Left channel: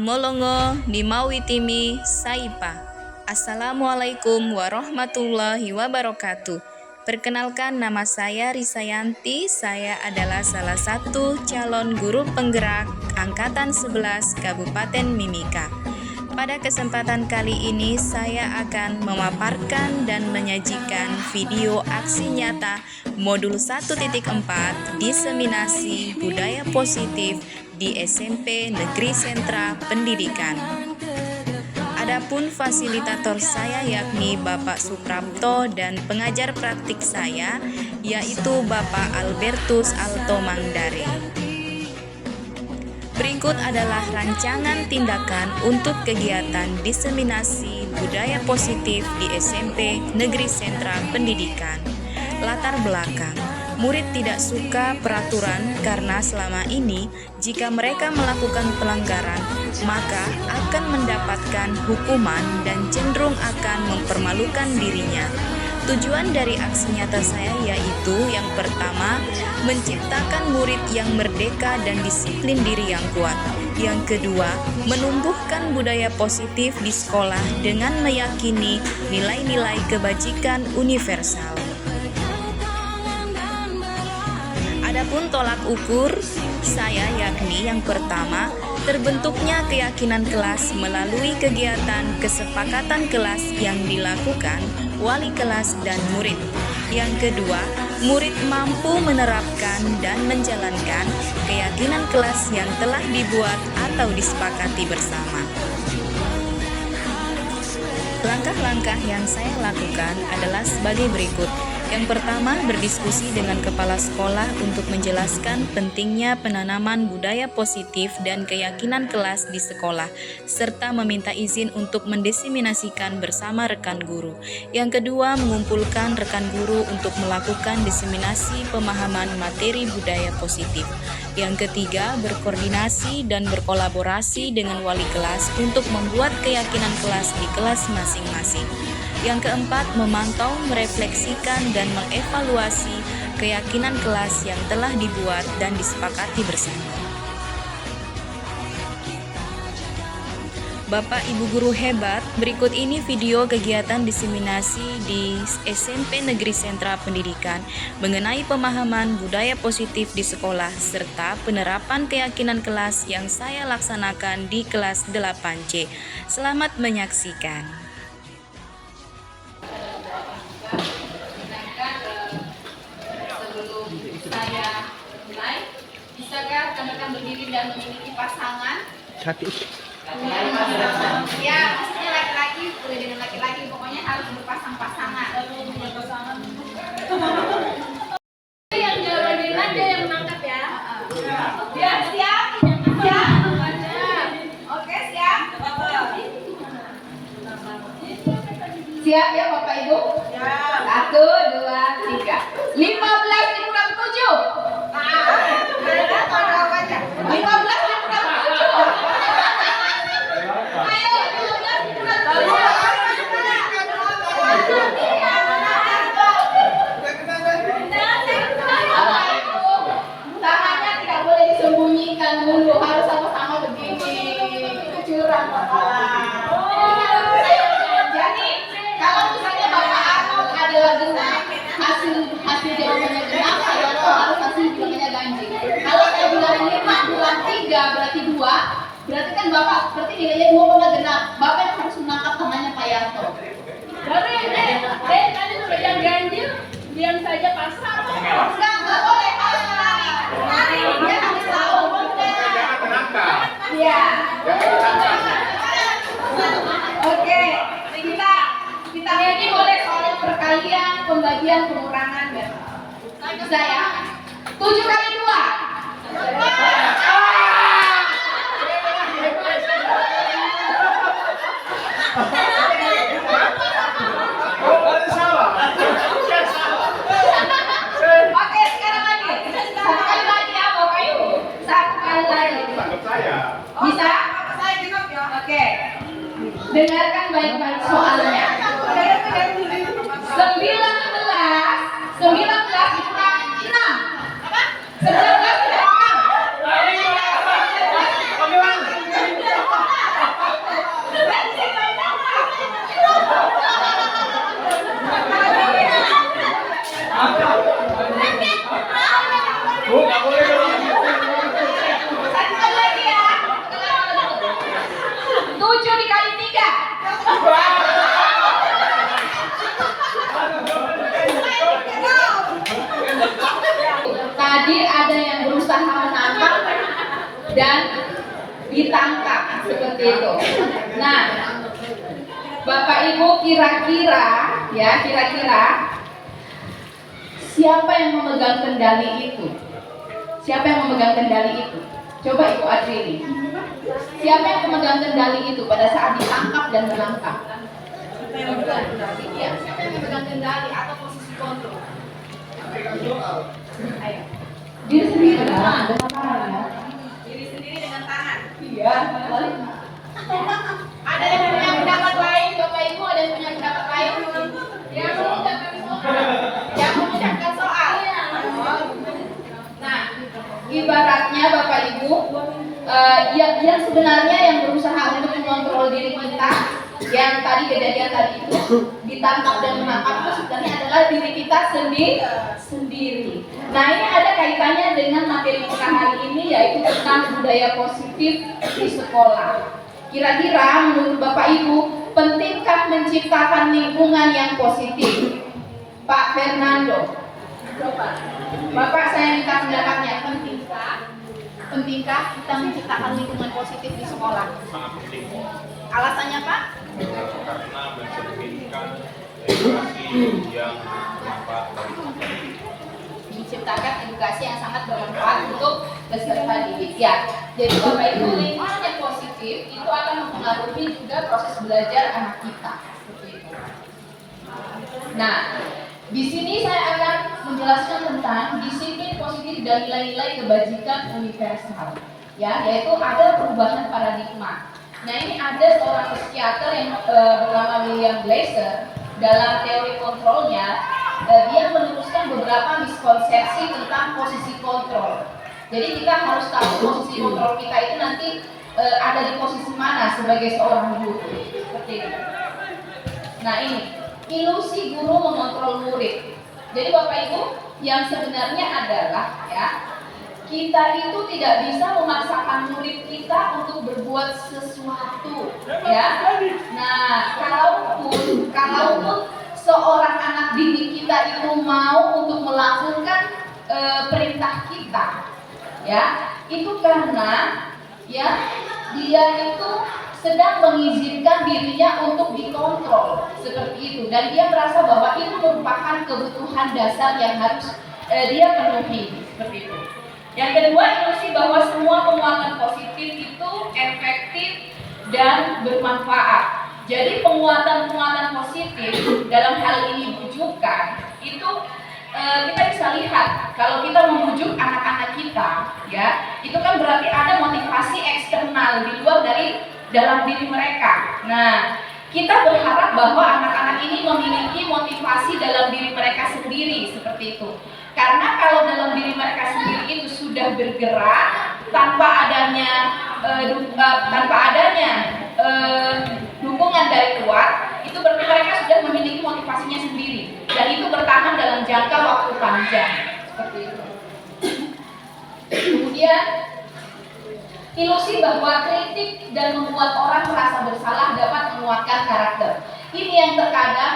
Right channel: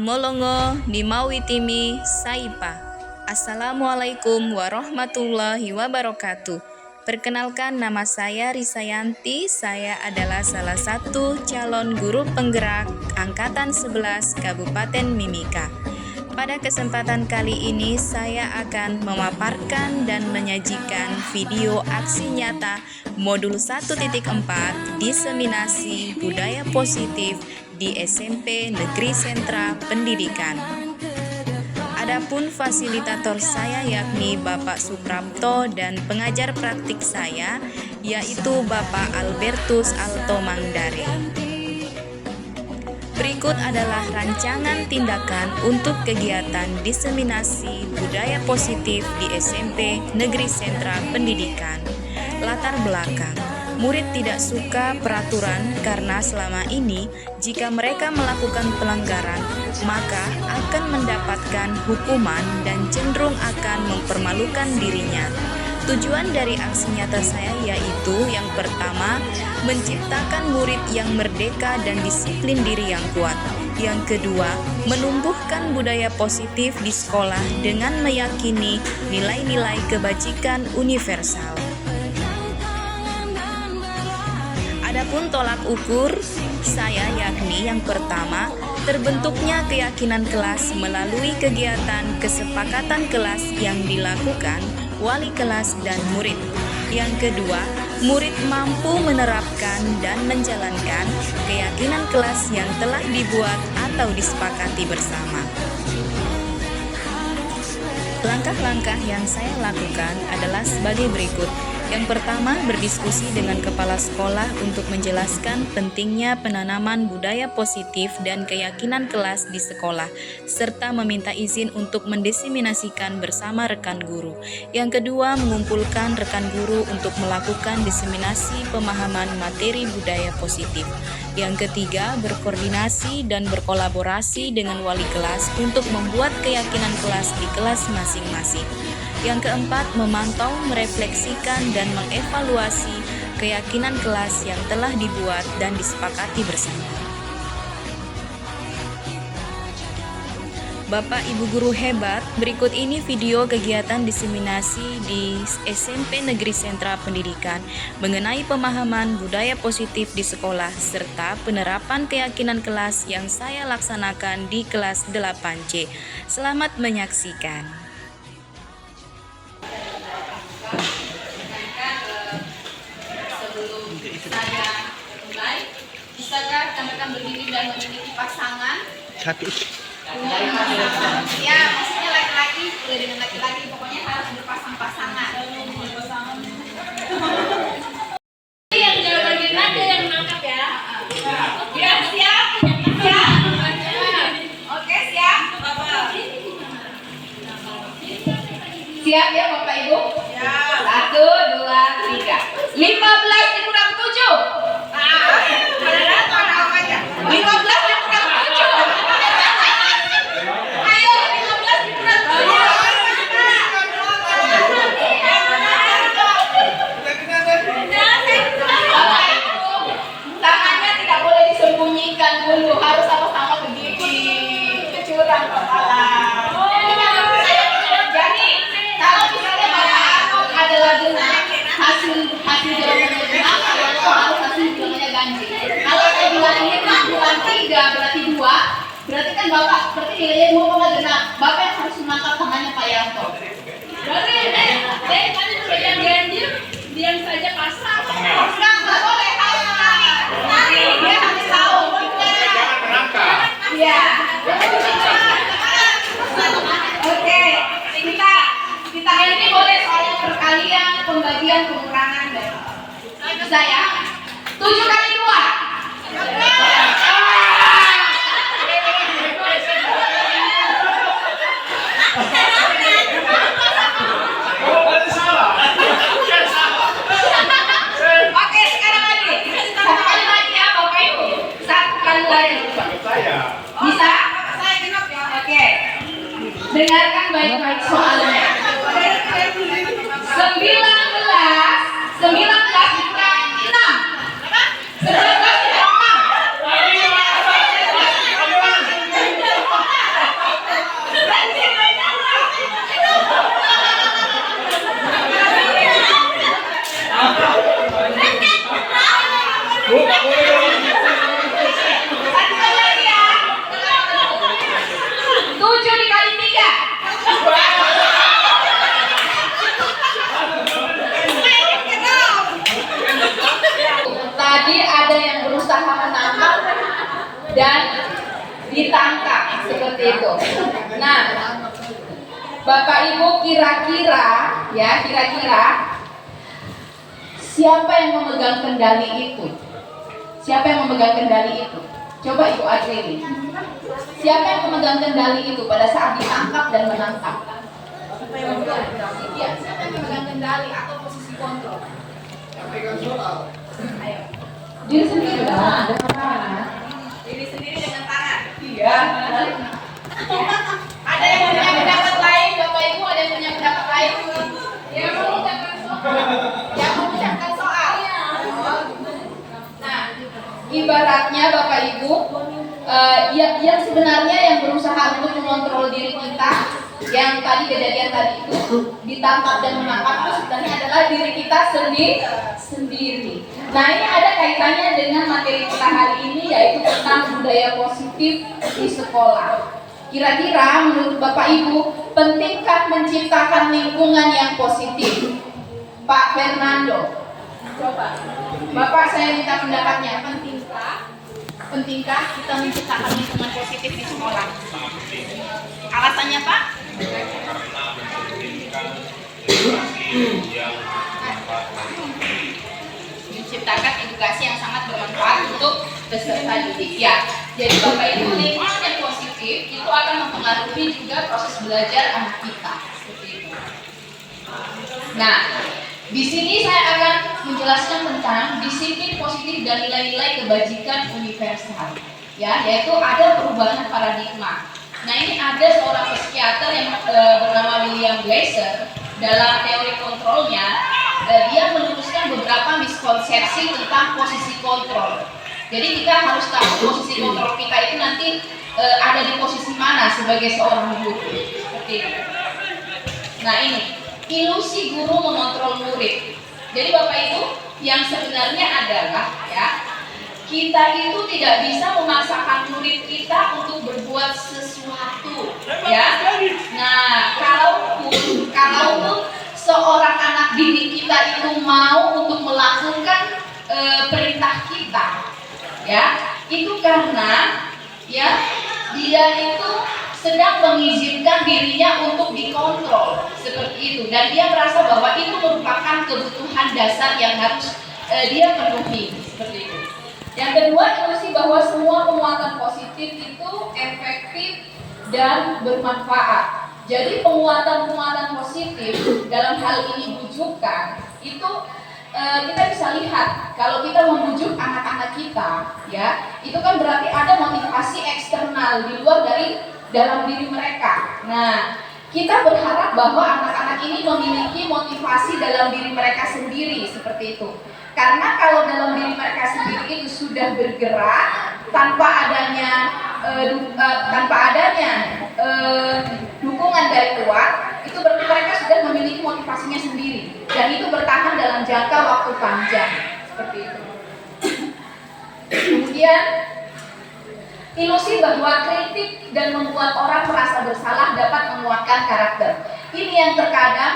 Amolongo Nimawitimi Saipa. Assalamualaikum warahmatullahi wabarakatuh. Perkenalkan, nama saya Risayanti. Saya adalah salah satu calon guru penggerak Angkatan 11 Kabupaten Mimika. Pada kesempatan kali ini saya akan memaparkan dan menyajikan video aksi nyata modul 1.4 diseminasi budaya positif di SMP Negeri Sentra Pendidikan. Adapun fasilitator saya yakni Bapak Suprapto dan pengajar praktik saya yaitu Bapak Albertus Alto Mangdare. Berikut adalah rancangan tindakan untuk kegiatan diseminasi budaya positif di SMP Negeri Sentra Pendidikan. Latar belakang, murid tidak suka peraturan karena selama ini jika mereka melakukan pelanggaran maka akan mendapatkan hukuman dan cenderung akan mempermalukan dirinya. Tujuan dari aksi nyata saya yaitu yang pertama, menciptakan murid yang merdeka dan disiplin diri yang kuat. Yang kedua, menumbuhkan budaya positif di sekolah dengan meyakini nilai-nilai kebajikan universal. Adapun tolak ukur saya yakni yang pertama, terbentuknya keyakinan kelas melalui kegiatan kesepakatan kelas yang dilakukan wali kelas dan murid. Yang kedua, murid mampu menerapkan dan menjalankan keyakinan kelas yang telah dibuat atau disepakati bersama. Langkah-langkah yang saya lakukan adalah sebagai berikut. Yang pertama, berdiskusi dengan kepala sekolah untuk menjelaskan pentingnya penanaman budaya positif dan keyakinan kelas di sekolah, serta meminta izin untuk mendiseminasikan bersama rekan guru. Yang kedua, mengumpulkan rekan guru untuk melakukan diseminasi pemahaman materi budaya positif. Yang ketiga, berkoordinasi dan berkolaborasi dengan wali kelas untuk membuat keyakinan kelas di kelas masing-masing. Yang keempat, memantau, merefleksikan, dan mengevaluasi keyakinan kelas yang telah dibuat dan disepakati bersama. Bapak Ibu guru hebat, berikut ini video kegiatan diseminasi di SMP Negeri Sentra Pendidikan mengenai pemahaman budaya positif di sekolah serta penerapan keyakinan kelas yang saya laksanakan di kelas 8C. Selamat menyaksikan. Saya mulai, bisakah rekan-rekan berdiri dan memiliki pasangan? Punya pasangan. Ya, maksudnya laki-laki, udah dengan laki-laki, pokoknya harus berpasang-pasangan. Punya pasangan. Yang jalan bagian ada yang menangkap ya. Ya, siap. Siap. Oke, siap. Siap ya Bapak Ibu? Ya. 1, 2, 3. 15 dikurang 7. 15 dikurang 7. Ayo 15 dikurang 7. Tangannya tidak boleh disembunyikan dulu, harus sama-sama begini. Kecurang kepala. Jadi kalau misalnya Bapak Arnold adalah benar, hasil jawabannya benar, saya harus hasil jawabannya ganjil. Kalau saya bilang ini bulan 3 berarti 2, berarti kan Bapak seperti nilainya 2 genap. Bapak yang harus menangkap tangannya Pak Yanto. Berarti tadi sudah yang ganjil, diam saja pasang. Enggak boleh, harus dia harus tahu. Jangan menangkap. Iya. Oke, kita ini boleh soal perkalian, pembagian, pengurangan dan bisa ya. 7 kali 2. Oke, sekarang lagi. 1 kali lagi ya Bapak Ibu. 1 kali lagi. Bisa? Saya genap ya. Oke. Dengarkan baik-baik soalnya. 19 dikurang 6. Apa? 19 dikurang 6. ditangkap seperti itu. Nah, Bapak Ibu kira-kira siapa yang memegang kendali itu? Siapa yang memegang kendali itu? Coba Ibu adili. Siapa yang memegang kendali itu pada saat ditangkap dan menangkap? Iya, siapa yang memegang kendali atau posisi kontrol? Ayo. Diri sendiri dengan tangan. Diri sendiri dengan tangan. Iya. Ada yang punya pendapat lain, Bapak Ibu? Ada yang punya pendapat lain? Yang mengucapkan soal. Yang mengucapkan soal. Nah, ibaratnya Bapak Ibu, yang sebenarnya yang berusaha untuk mengontrol diri kita, yang tadi kejadian tadi itu ditangkap dan menangkap itu sebenarnya adalah diri kita sendiri. Nah, ini ada kaitannya dengan materi kita hari ini, yaitu tentang budaya positif di sekolah. Kira-kira menurut Bapak Ibu, pentingkah menciptakan lingkungan yang positif? Pak Fernando, coba. Bapak, saya minta pendapatnya. Pentingkah kita menciptakan lingkungan positif di sekolah? Alasannya, Pak? Karena mencerminkan edukasi yang bermanfaat Menciptakan edukasi yang sangat bermanfaat untuk peserta didik. Ya, jadi Bapak Ibu, lingkungan yang positif itu akan mempengaruhi juga proses belajar anak kita. Seperti itu. Nah, di sini saya akan menjelaskan tentang disiplin positif dan nilai-nilai kebajikan universal. Ya, yaitu ada perubahan paradigma. Nah, ini ada seorang psikiater yang bernama William Glasser. Dalam teori kontrolnya, dia menuliskan beberapa miskonsepsi tentang posisi kontrol. Jadi kita harus tahu posisi kontrol kita itu nanti ada di posisi mana sebagai seorang guru. Seperti itu. Nah, ini ilusi guru mengontrol murid. Jadi Bapak Ibu, yang sebenarnya adalah kita itu tidak bisa memaksakan murid kita untuk berbuat sesuatu, Nah, kalaupun seorang anak didik kita itu mau untuk melakukan perintah kita, itu karena dia itu sedang mengizinkan dirinya untuk dikontrol seperti itu, dan dia merasa bahwa itu merupakan kebutuhan dasar yang harus dia penuhi seperti itu. Yang kedua, ilusi bahwa semua penguatan positif itu efektif dan bermanfaat. Jadi penguatan positif dalam hal ini bujukan itu kita bisa lihat kalau kita membujuk anak-anak kita, itu kan berarti ada motivasi eksternal di luar dari dalam diri mereka. Nah, kita berharap bahwa anak-anak ini memiliki motivasi dalam diri mereka sendiri seperti itu. Karena kalau dalam diri mereka sendiri itu sudah bergerak tanpa adanya dukungan dari luar, itu berarti mereka sudah memiliki motivasinya sendiri dan itu bertahan dalam jangka waktu panjang seperti itu. Kemudian ilusi bahwa kritik dan membuat orang merasa bersalah dapat menguatkan karakter. Ini yang terkadang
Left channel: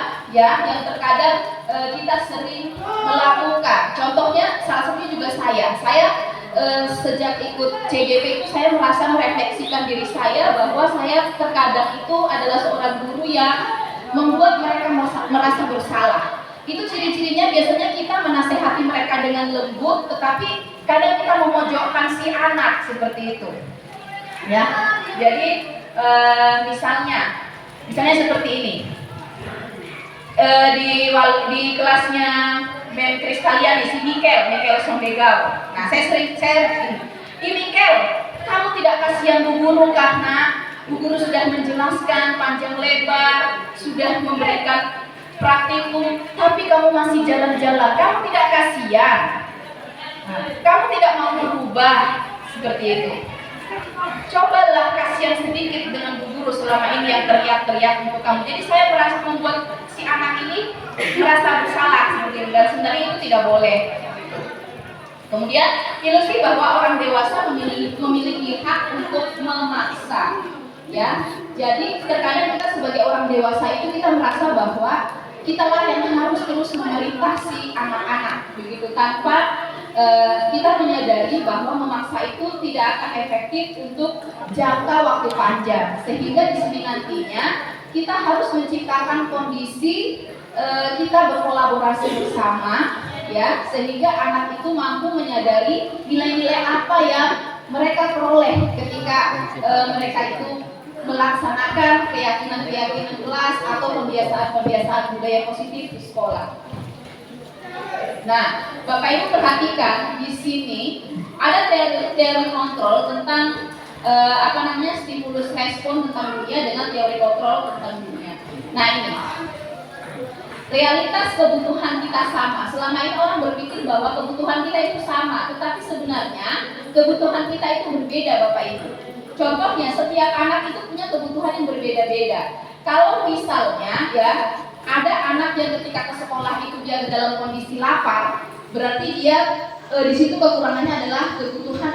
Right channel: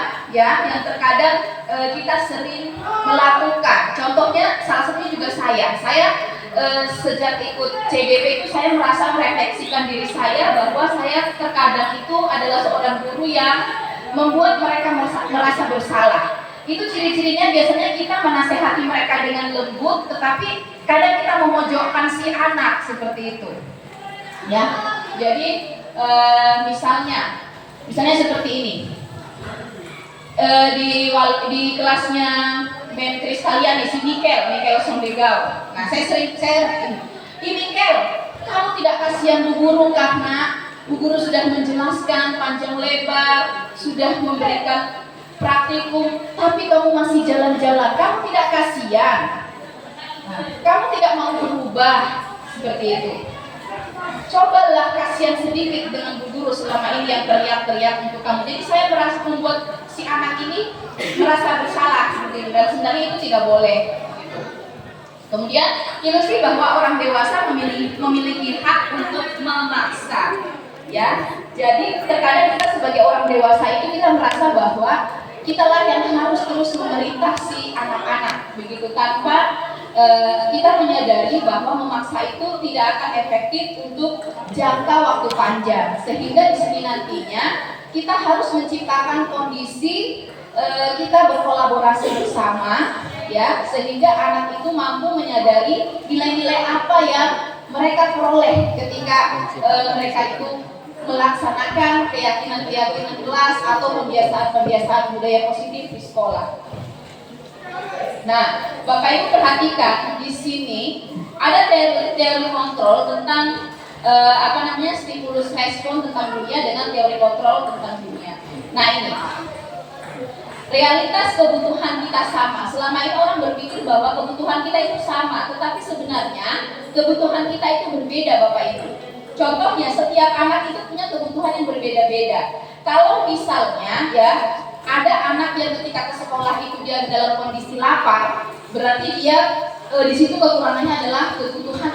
kita sering melakukan. Contohnya salah satunya juga saya sejak ikut CBP itu saya merasa merefleksikan diri saya bahwa saya terkadang itu adalah seorang guru yang membuat mereka merasa bersalah. Itu ciri-cirinya biasanya kita menasehati mereka dengan lembut, tetapi kadang kita memojokkan si anak seperti itu. Jadi misalnya seperti ini. Di kelasnya Mem Kristaliani, si Mikel Sondegau. Nah, saya Mikel, kamu tidak kasihan Bu Guru karena Bu Guru sudah menjelaskan panjang lebar, sudah memberikan praktikum, tapi kamu masih jalan-jalan. Kamu tidak kasihan. Nah, kamu tidak mau berubah seperti itu. Cobalah kasihan sedikit dengan Bu Guru selama ini yang teriak-teriak untuk kamu. Jadi saya merasa membuat si anak ini merasa bersalah seperti itu, dan sebenarnya itu tidak boleh. Kemudian ilusi bahwa orang dewasa memiliki hak untuk memaksa. Jadi terkadang kita sebagai orang dewasa itu kita merasa bahwa kitalah yang harus terus memerintah si anak-anak begitu tanpa kita menyadari bahwa memaksa itu tidak akan efektif untuk jangka waktu panjang, sehingga di sini nantinya kita harus menciptakan kondisi kita berkolaborasi bersama, ya, sehingga anak itu mampu menyadari nilai-nilai apa yang mereka peroleh ketika mereka itu melaksanakan keyakinan-keyakinan kelas atau pembiasaan-pembiasaan budaya positif di sekolah. Nah, Bapak Ibu perhatikan di sini ada teori kontrol tentang stimulus respon tentang dunia dengan teori kontrol tentang dunia. Nah, ini realitas kebutuhan kita sama. Selama ini orang berpikir bahwa kebutuhan kita itu sama, tetapi sebenarnya kebutuhan kita itu berbeda, Bapak Ibu. Contohnya, setiap anak itu punya kebutuhan yang berbeda-beda. Kalau misalnya ya ada anak yang ketika ke sekolah itu dia dalam kondisi lapar, berarti dia di situ kekurangannya adalah kebutuhan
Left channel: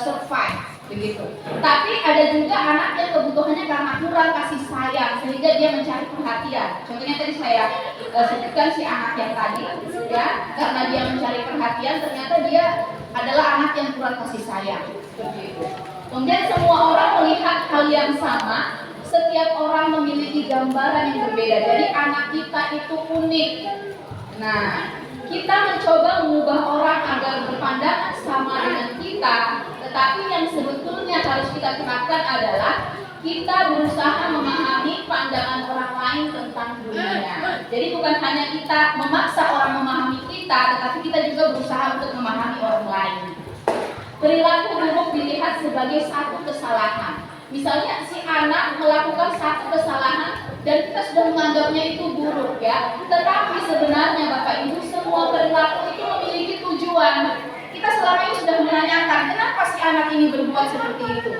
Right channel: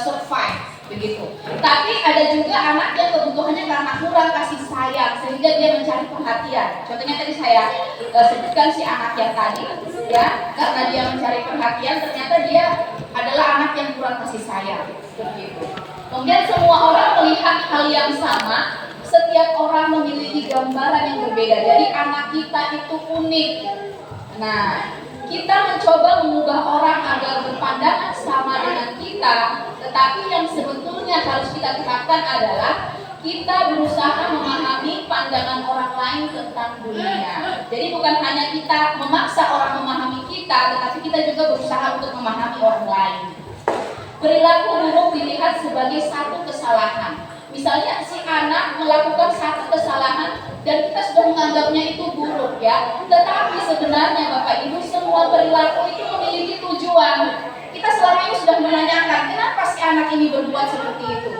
survive, begitu. Tapi ada juga anak yang kebutuhannya karena kurang kasih sayang sehingga dia mencari perhatian. Contohnya tadi saya sebutkan si anak yang tadi, ya, karena dia mencari perhatian ternyata dia adalah anak yang kurang kasih sayang, seperti itu. Kemudian semua orang melihat hal yang sama. Setiap orang memiliki gambaran yang berbeda. Jadi anak kita itu unik. Nah, kita mencoba mengubah orang agar berpandangan sama dengan kita, tetapi yang sebetulnya harus kita terapkan adalah kita berusaha memahami pandangan orang lain tentang dunia. Jadi bukan hanya kita memaksa orang memahami kita, tetapi kita juga berusaha untuk memahami orang lain. Perilaku buruk dilihat sebagai satu kesalahan. Misalnya si anak melakukan satu kesalahan dan kita sudah menganggapnya itu buruk, ya. Tetapi sebenarnya Bapak Ibu, semua perilaku itu memiliki tujuan. Kita selama ini sudah menanyakan kenapa si anak ini berbuat seperti itu.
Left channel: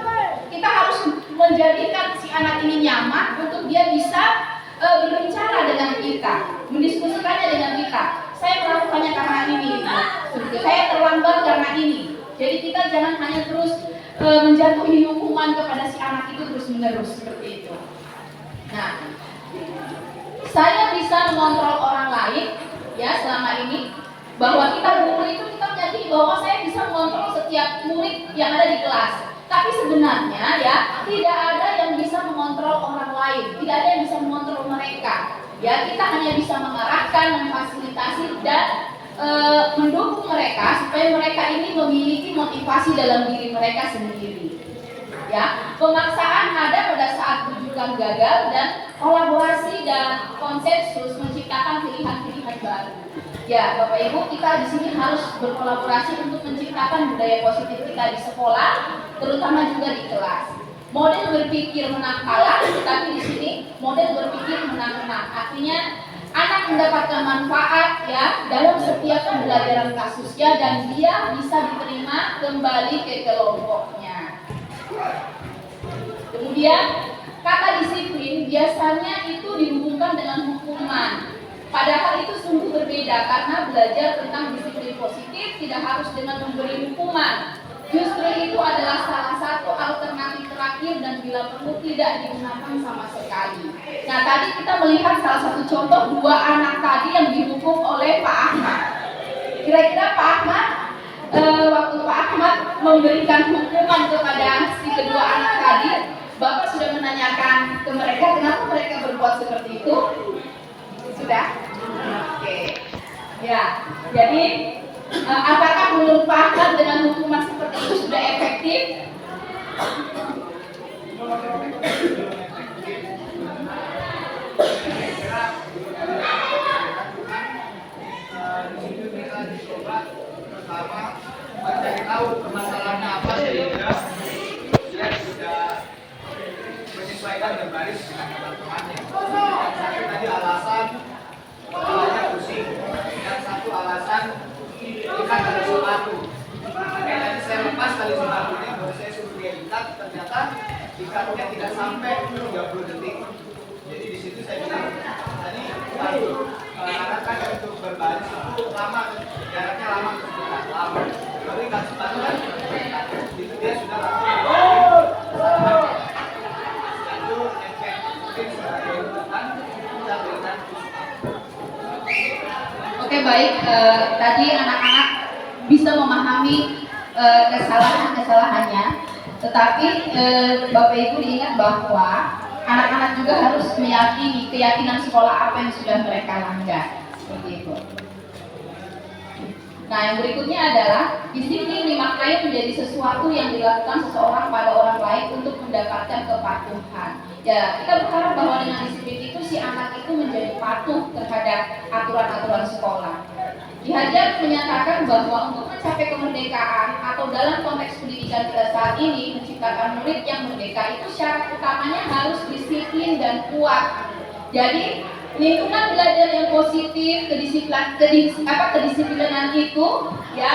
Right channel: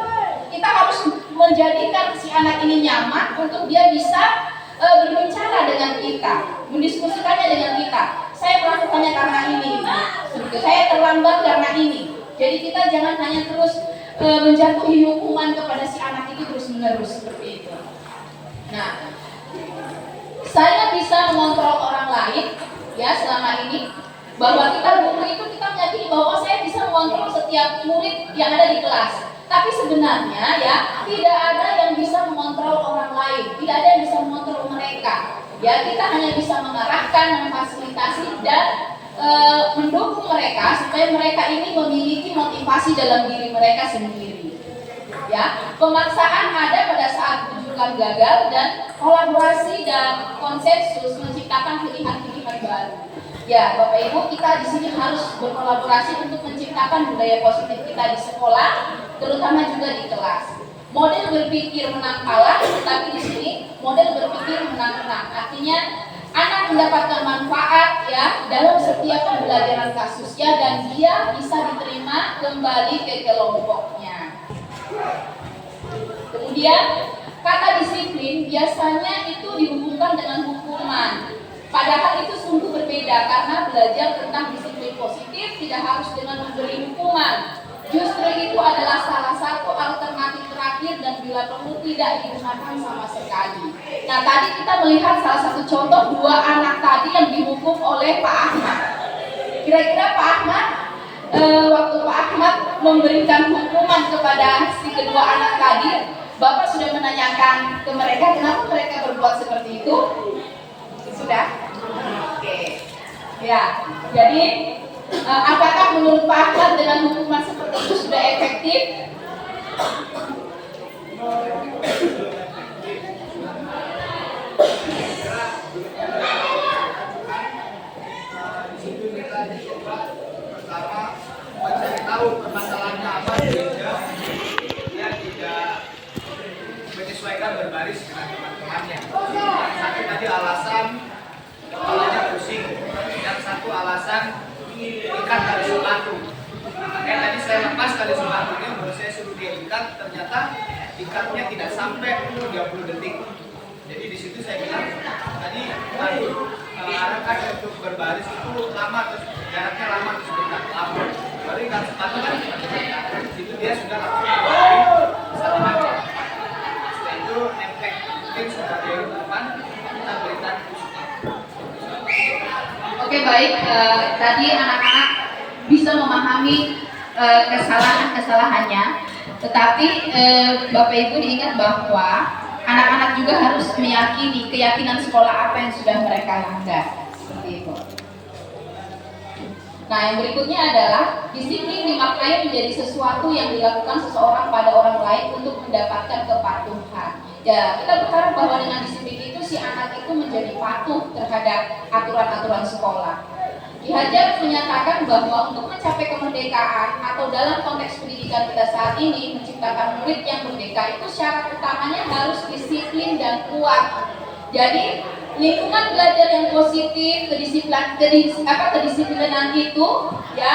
Kita harus menjadikan si anak ini nyaman untuk dia bisa berbicara dengan kita, mendiskusikannya dengan kita. Saya melakukannya karena ini, saya terlambat karena ini. Jadi kita jangan hanya terus menjatuhi hukuman kepada si anak itu terus-menerus seperti itu. Nah, saya bisa mengontrol orang lain, ya, selama ini bahwa kita guru itu kita meyakini bahwa saya bisa mengontrol setiap murid yang ada di kelas. Tapi sebenarnya ya tidak ada yang bisa mengontrol orang lain, tidak ada yang bisa mengontrol mereka. Ya, kita hanya bisa mengarahkan, memfasilitasi dan mendukung mereka supaya mereka ini memiliki motivasi dalam diri mereka sendiri. Ya, pemaksaan ada pada saat rujukan gagal dan kolaborasi dan konsensus menciptakan pilihan-pilihan baru. Ya, Bapak Ibu, kita di sini harus berkolaborasi untuk menciptakan budaya positif kita di sekolah, terutama juga di kelas. Model berpikir menang kalah, tetapi di sini model berpikir menang-menang. Artinya anak mendapatkan manfaat, ya, dalam setiap pembelajaran kasusnya dan dia bisa diterima kembali ke kelompoknya. Kemudian kata disiplin biasanya itu dihubungkan dengan hukuman. Padahal itu sungguh berbeda karena belajar tentang disiplin positif tidak harus dengan memberi hukuman. Justru itu adalah salah satu alternatif terakhir dan bila perlu tidak digunakan sama sekali. Nah, tadi kita melihat salah satu contoh dua anak tadi yang dihukum oleh Pak Ahmad. Kira-kira Pak Ahmad, waktu Pak Ahmad memberikan hukuman kepada si kedua anak tadi, Bapak sudah menanyakan ke mereka kenapa mereka berbuat seperti itu? Sudah? Oke. Ya, jadi apakah menurut Pak Ahmad dengan hukuman seperti itu sudah efektif? Mencari tahu permasalahannya apa sehingga dia tidak menyesuaikan berbaris dengan teman-temannya. Yang satu tadi alasan kepalanya pusing, yang satu alasan ikat tali sepatu. Makanya tadi saya lepas tali sepatunya, baru saya suruh dia ikat, ternyata ikatnya tidak sampai 30 detik. Jadi di situ saya bilang tadi arahkan untuk berbaris itu lama, terus jaraknya lama terus dekat lama. Baru ikat sepatu kan itu dia sudah langsung kesalahannya. Setelah itu efek mungkin sebagai hukuman kita berikan. Oke, baik. Tadi anak-anak bisa memahami kesalahan-kesalahannya. Tetapi Bapak Ibu diingat bahwa anak-anak juga harus meyakini keyakinan sekolah apa yang sudah mereka langgar. Seperti itu. Nah, yang berikutnya adalah disiplin dimaknai menjadi sesuatu yang dilakukan seseorang pada orang lain untuk mendapatkan kepatuhan. Ya, kita berharap bahwa dengan disiplin itu si anak itu menjadi patuh terhadap aturan-aturan sekolah. Ki Hajar menyatakan bahwa untuk mencapai kemerdekaan atau dalam konteks pendidikan kita saat ini menciptakan murid yang merdeka itu syarat utamanya harus disiplin dan kuat. Jadi lingkungan belajar yang positif, kedisiplinan itu ya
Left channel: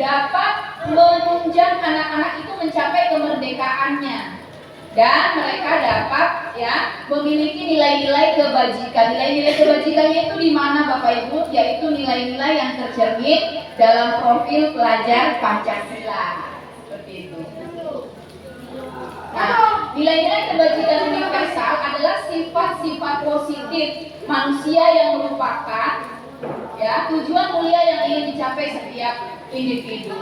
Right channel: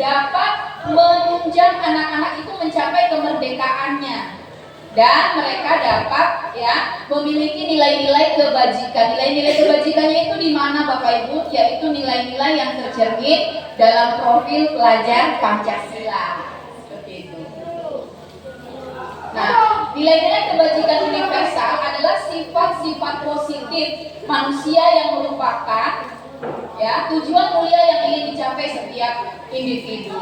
dapat menunjang anak-anak itu mencapai kemerdekaannya. Dan mereka dapat ya memiliki nilai-nilai kebajikan. Nilai-nilai kebajikannya itu di mana Bapak Ibu? Yaitu nilai-nilai yang tercermin dalam profil pelajar Pancasila. Seperti itu. Nah, nilai-nilai kebajikan universal adalah sifat-sifat positif manusia yang merupakan ya tujuan mulia yang ingin dicapai setiap individu.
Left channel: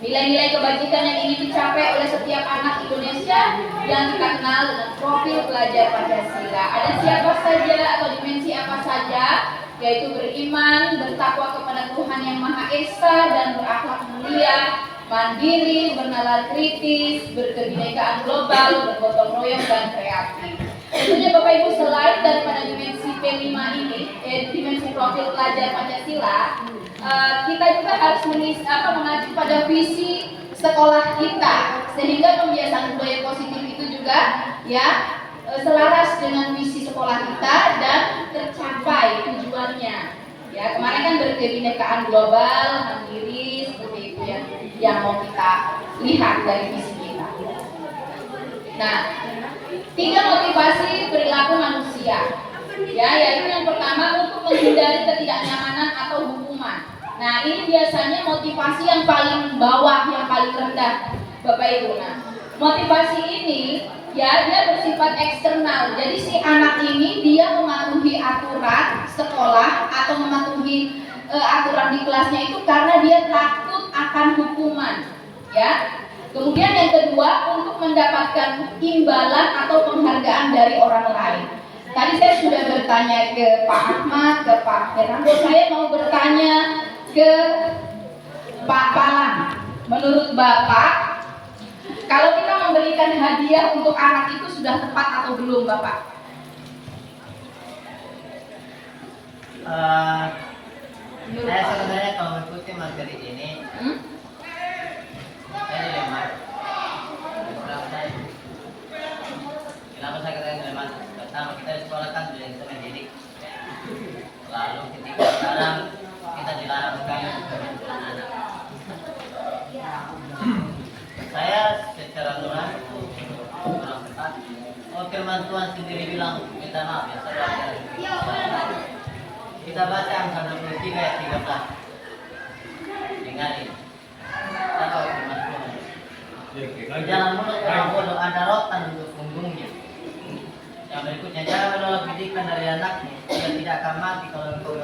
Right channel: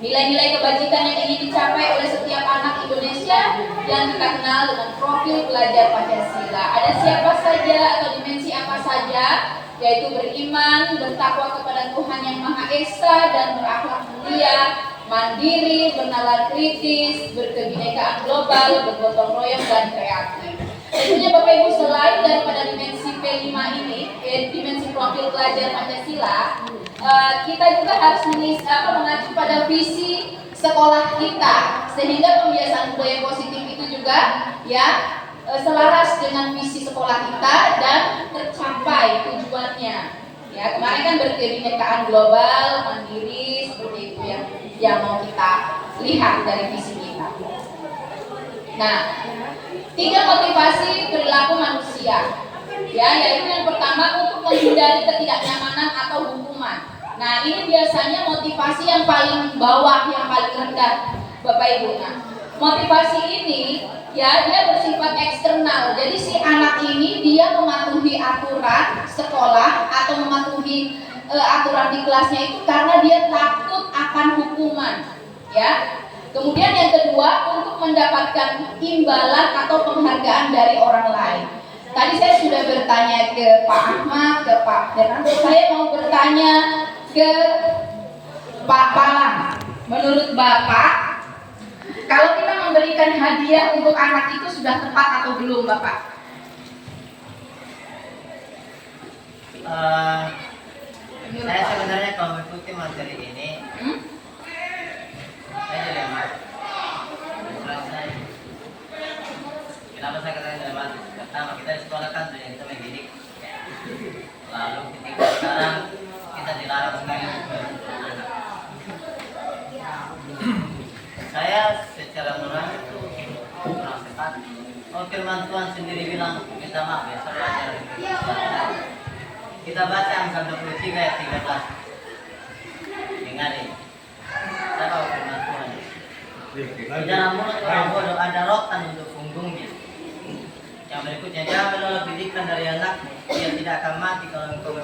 Nilai-nilai kebajikan yang ingin dicapai oleh setiap anak Indonesia yang kita kenal dengan profil pelajar Pancasila. Ada siapa saja atau dimensi apa saja, yaitu beriman, bertakwa kepada Tuhan Yang Maha Esa dan berakhlak mulia, mandiri, bernalar kritis, berkebinekaan global, bergotong royong dan kreatif. Tentunya Bapak Ibu, selain daripada dimensi P5 ini, dimensi profil pelajar Pancasila, kita juga harus mengacu pada visi sekolah kita, sehingga pembiasaan budaya positif itu juga ya selaras dengan visi sekolah kita dan tercapai tujuannya. Ya, kemarin kan berkebinekaan global, mandiri, seperti itu ya yang mau kita lihat dari visi kita. Nah, 3 motivasi perilaku manusia. Ya, yaitu yang pertama untuk menghindari ketidaknyamanan atau hukuman. Nah, ini biasanya motivasi yang paling bawah, yang paling rendah, Bapak Ibu. Nah, motivasi ini ya dia bersifat eksternal. Jadi si anak ini dia mematuhi aturan sekolah atau mematuhi aturan di kelasnya itu karena dia takut akan hukuman. Ya. Kemudian yang kedua untuk mendapatkan imbalan atau penghargaan dari orang lain. Tadi saya sudah bertanya ke Pak Ahmad, ke Pak Fernando, saya mau bertanya ke Pak Palang. Menurut Bapak, kalau kita memberikan hadiah untuk anak itu sudah tepat atau belum, Bapak? Saya sebenarnya kalau mengikuti materi ini, saya dilema. Kenapa saya katakan dilema? Pertama, kita di sekolah kan sudah kita mendidik. Lalu ketika sekarang kita dilarang sekali untuk anak. Saya secara nurani itu kurang tepat. Oh, firman Tuhan sendiri bilang, minta maaf ya, saya belajar. Kita baca Amsal 23 ayat 13. Dengar ini. Saya tahu firman Tuhan. Di dalam mulut orang bodoh ada rotan untuk punggungnya. Yang berikutnya, jangan menolak didikan dari anakmu. Dia tidak akan mati kalau engkau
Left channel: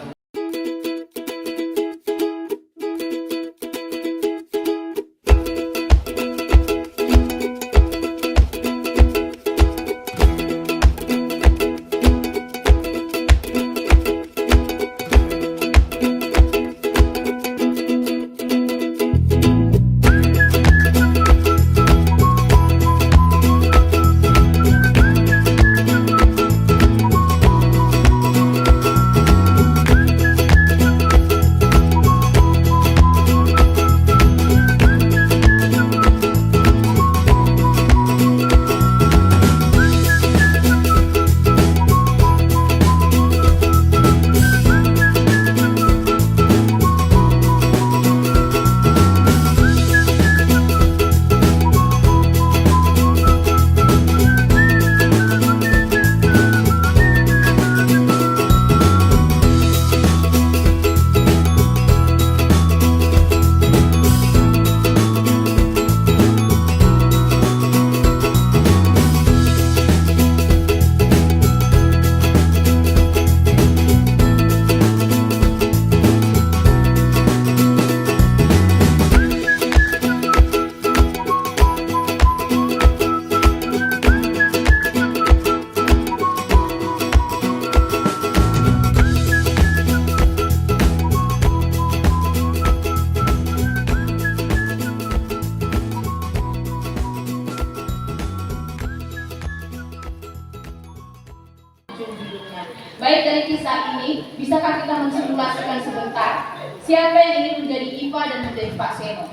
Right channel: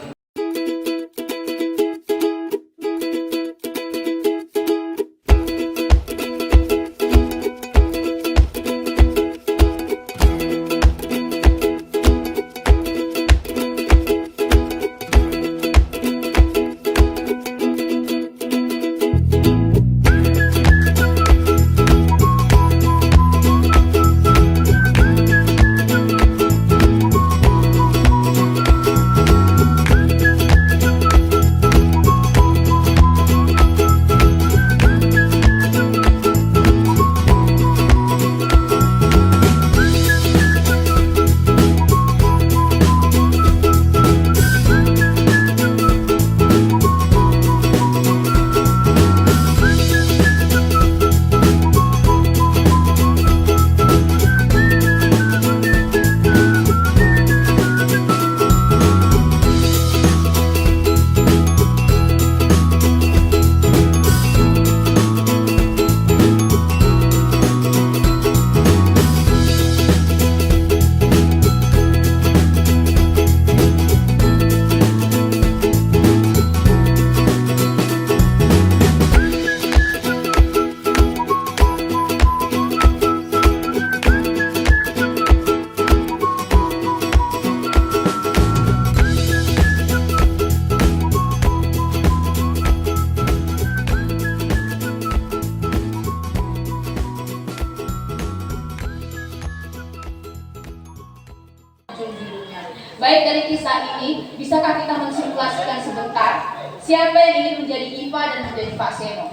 ujung hidupnya. Baik, dari kisah ini, bisakah kita mensimulasikan sebentar siapa yang ingin menjadi IPA dan menjadi Pak Seno?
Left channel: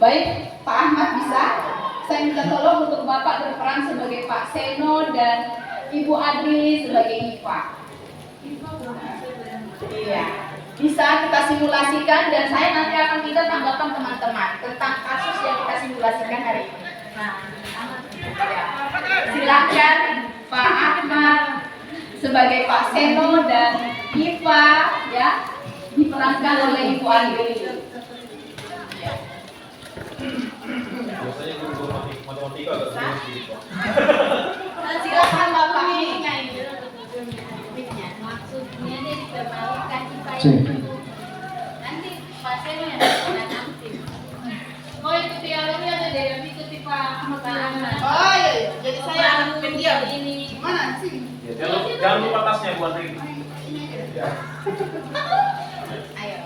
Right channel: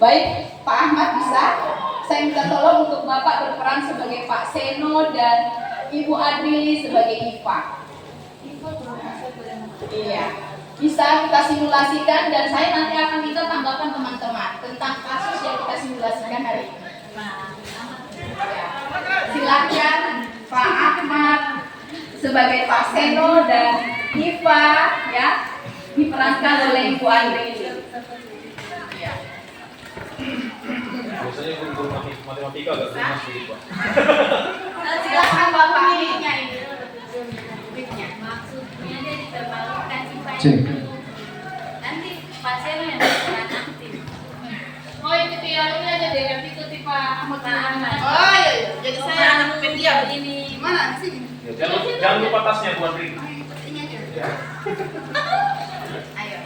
Baik, Pak Ahmad bisa? Saya minta tolong untuk Bapak berperan sebagai Pak Seno dan Ibu Adrili sebagai IPA. Iya, bisa kita simulasikan dan saya nanti akan minta tanggapan teman-teman tentang kasus yang kita simulasikan hari ini. Ya. Silakan Pak Ahmad sebagai Pak Seno dan IPA ya diperankan oleh Ibu Adrili. Ya. Biasanya guru matematika agak sulit sedikit, Pak. Silakan Bapak. Maksudnya dia dipermalukan supaya nanti pasien yang berperan aktif. Oh itu dia, ini ada deh yang ikuti Pak Ahmad. Oh iya, jadi saya anak pendiam ini. Gimana sih? Ya, jangan lupa tasnya buat Ri. Ini aja. Ya. Ayo.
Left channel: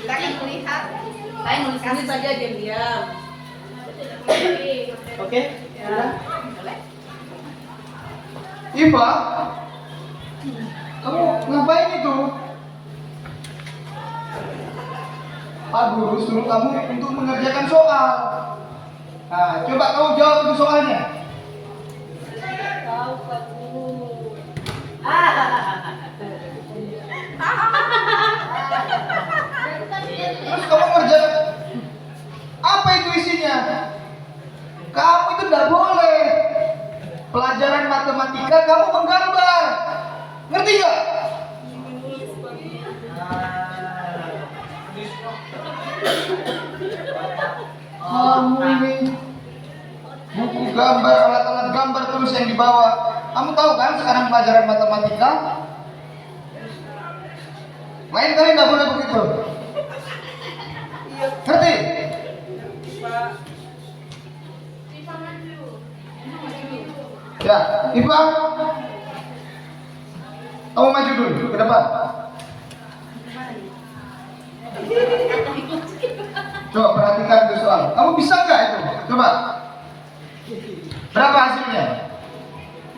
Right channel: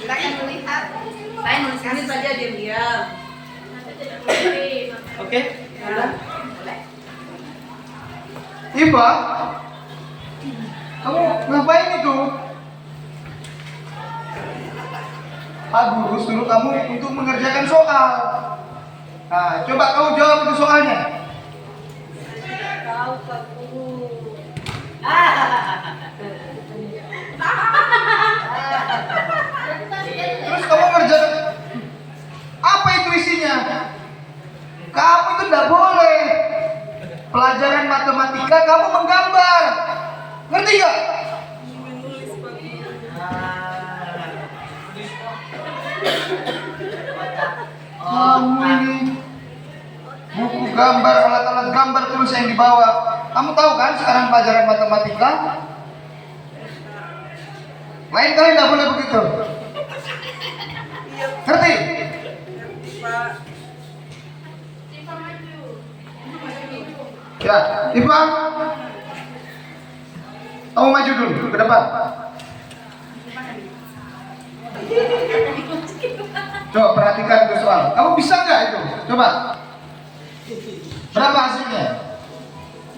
Silakan melihat. Saya nulis ini saja diam-diam. Oke. Iva, kamu ngapain itu? Pak Guru suruh kamu untuk mengerjakan soal. Nah, coba kamu jawab itu soalnya. Tahu Pak Guru. Terus kamu ngerjakan apa itu isinya? Kamu itu tidak boleh. Pelajaran matematika kamu menggambar. Ngerti gak? Kamu ini buku gambar, alat-alat gambar terus yang dibawa. Kamu tahu kan sekarang pelajaran matematika? Lain kali tidak boleh begitu. Ngerti? Ya, Iva, kamu maju dulu ke depan. Coba perhatikan itu soal. Kamu bisa nggak itu? Coba. Berapa hasilnya?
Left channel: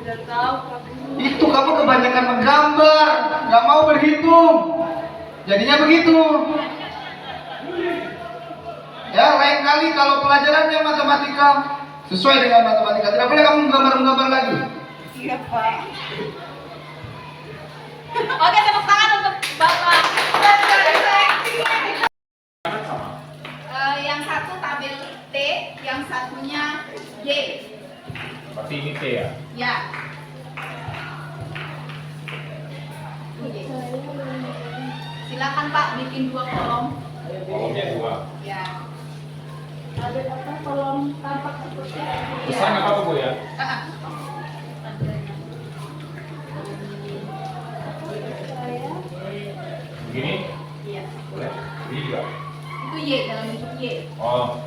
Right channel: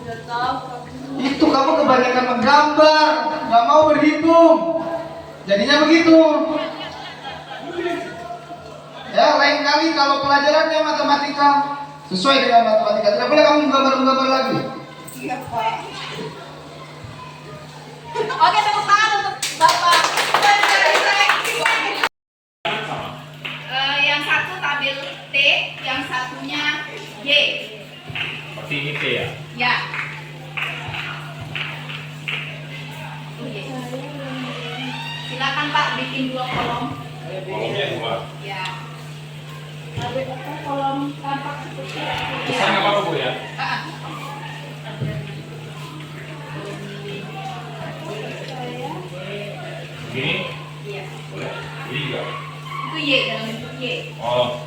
Tidak tahu Pak Guru. Itu kamu kebanyakan menggambar, nggak mau berhitung. Jadinya begitu. Ya, lain kali kalau pelajarannya matematika sesuai dengan matematika, tidak boleh kamu menggambar lagi. Iya Pak. Oke, tepuk tangan untuk Bapak. Yang satu tabel T, yang satunya Y. Berarti ini T ya? Ya. Silakan Pak bikin 2 kolom. Kolomnya 2. Ya. Ada apa kolom tampak seperti itu? Besar nggak apa-apa, Bu ya? Begini? Iya. Ini juga? Itu Y dalam bentuk Y. Oh.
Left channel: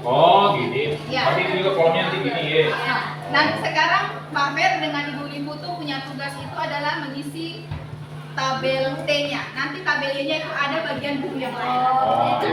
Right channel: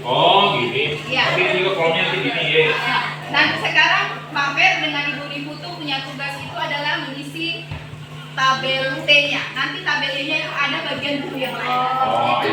Oh, gini. Iya. Tapi ini juga kolomnya nanti gini ya. Nah, dan sekarang Pak Ber dengan ibu-ibu tuh punya tugas itu adalah mengisi tabel T-nya. Nanti tabel Y-nya itu ada bagian buku yang lain. Oh.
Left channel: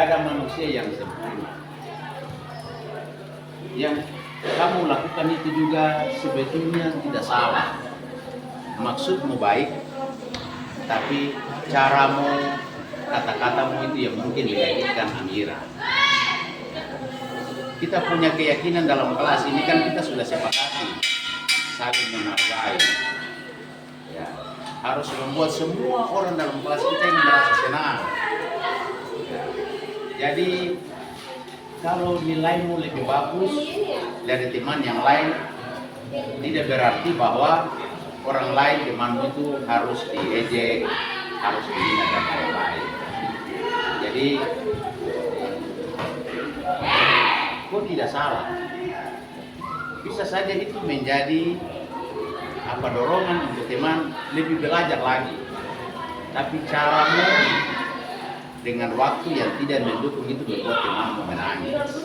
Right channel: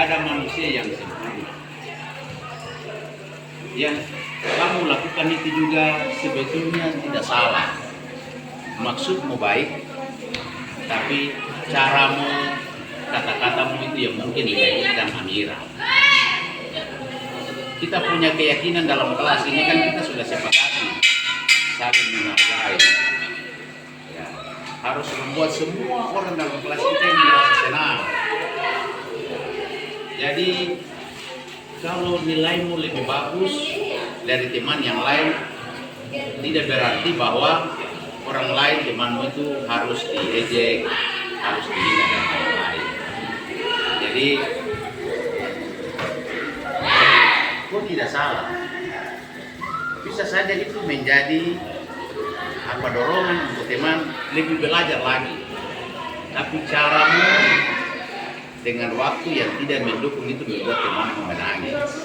ada manusia yang sempurna. Yang kamu lakukan itu juga sebetulnya tidak salah. Maksudmu baik, tapi caramu, kata-katamu itu yang mungkin menyakitkan Amira. Kita punya keyakinan dalam kelas ini kan kita sudah sepakati saling menghargai. Ya, harus membuat semua orang dalam kelas kita ini merasa senang. Jadi kalau nilaimu lebih bagus dari teman yang lain, tidak berarti bahwa orang lain temanmu itu harus diejek, harus dihina dan lain-lain. Jadi kok tidak salah. Bisa saja itu menjadi dorongan untuk teman lebih belajar lagi. Tapi caramu dengan waktu yang tidak mendukung itu membuat temanmu menangis.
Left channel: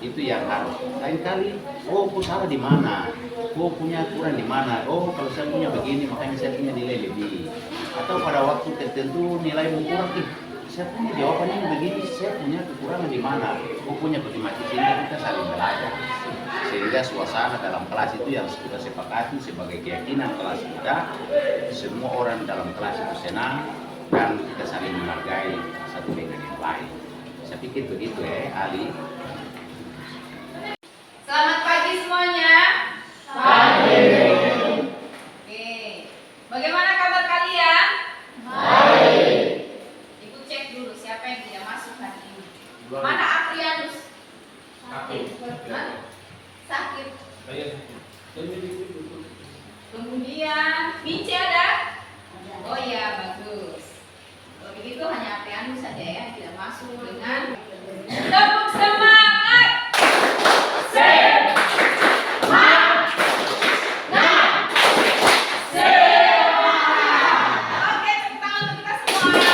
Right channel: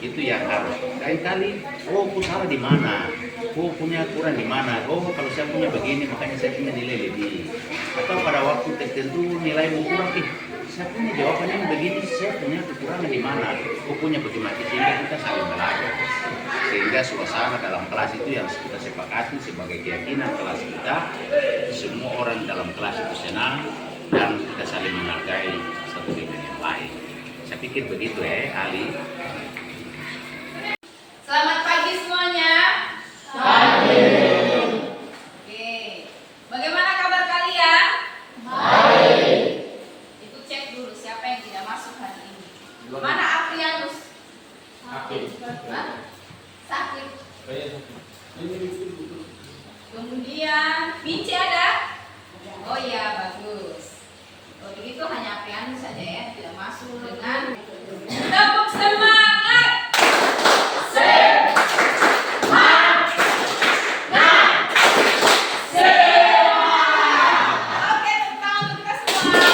Itu yang harus. Kali-kali, oh aku salah di mana? Oh punya kurang di mana? Oh kalau saya punya begini makanya saya punya nilai lebih. Atau pada waktu tertentu nilaimu kurang, saya punya jawabannya begini, saya punya kekurangan di mana? Aku punya bagaimana, sehingga kita saling belajar. Sehingga suasana dalam kelas itu yang kita sepakati sebagai keyakinan kelas kita, semua orang dalam kelas itu senang dan kita saling menghargai satu dengan yang lain. Saya pikir begitu Ali. Selamat pagi semuanya. Pagi. Oke. Bagaimana kabar kalian? Baik. Ibu cek dulu siapa yang tidak masuk hari ini. Mana Aprianus? Hah? Sakit. Kemudian Minci ada? Oh iya, bagus. Kalau begitu hanya Aprianus saja ya, tidak masuk dengan tepuk semangat. Oke, tepuk tangan untuk kita semua.